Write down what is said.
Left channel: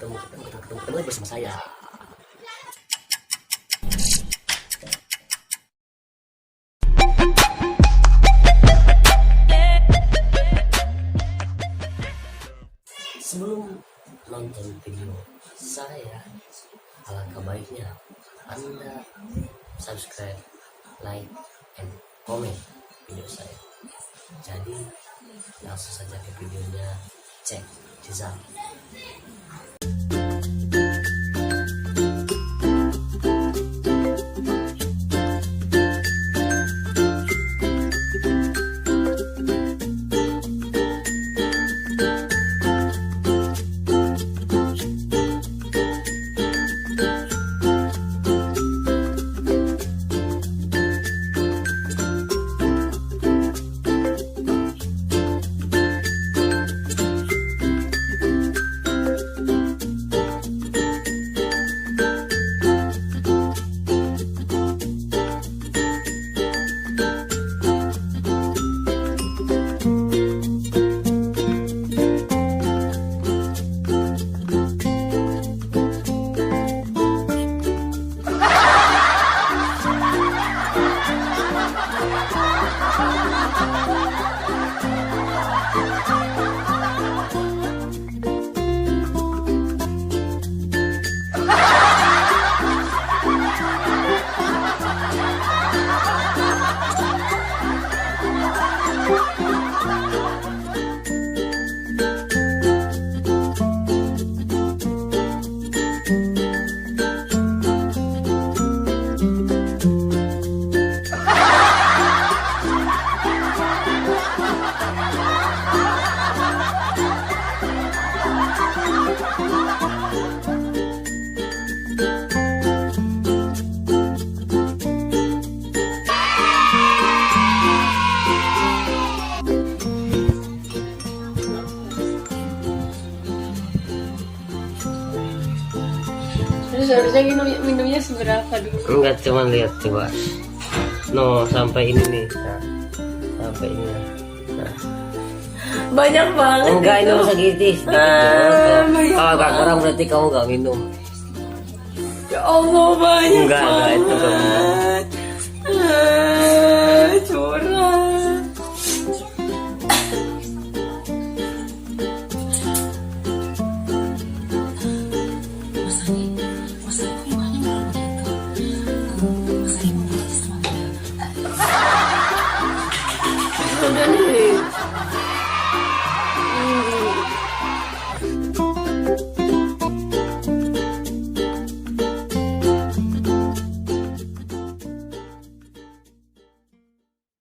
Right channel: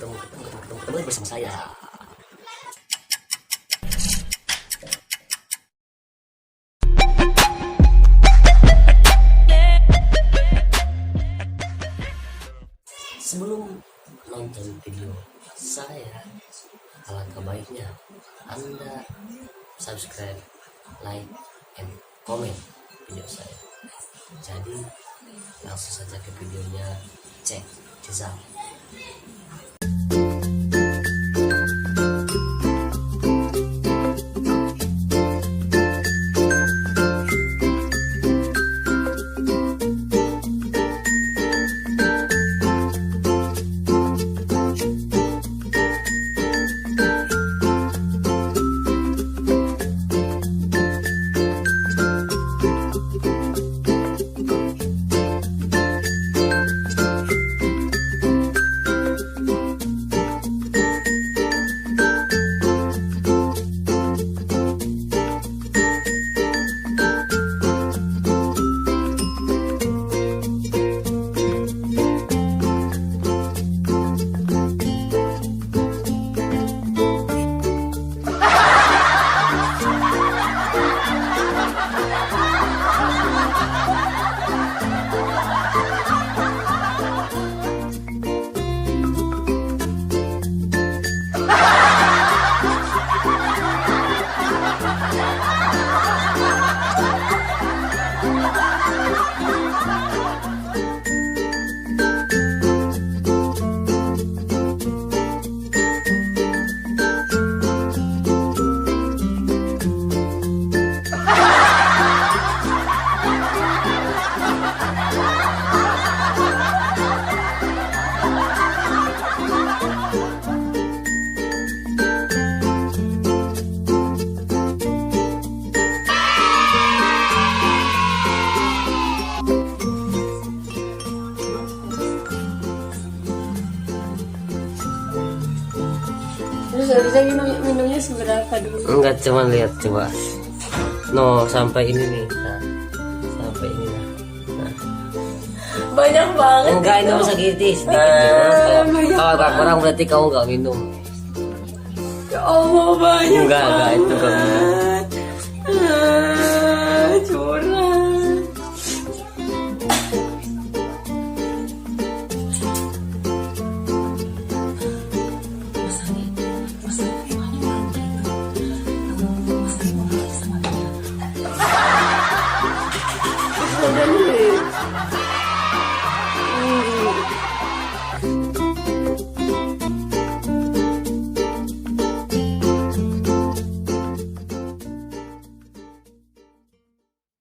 ketemu lagi bersama saya. Sebelum nonton video saya, alangkah baiknya Anda subscribe, like, and comment video saya. Jadi langsung saja ke videonya, cek jezam. Terus harusnya minumnya seberapa dulu? Enggak, cuma lihat coba. No, sampai ini nih. Nah, sampai ini. Nah. Banyak banget. Enggak, ini masa gitis. Kalau agak kurang berarti kamu enggak minum. Ya Allah, banyak Enggak, banget. itu enggak minum. Curang. Udah nih.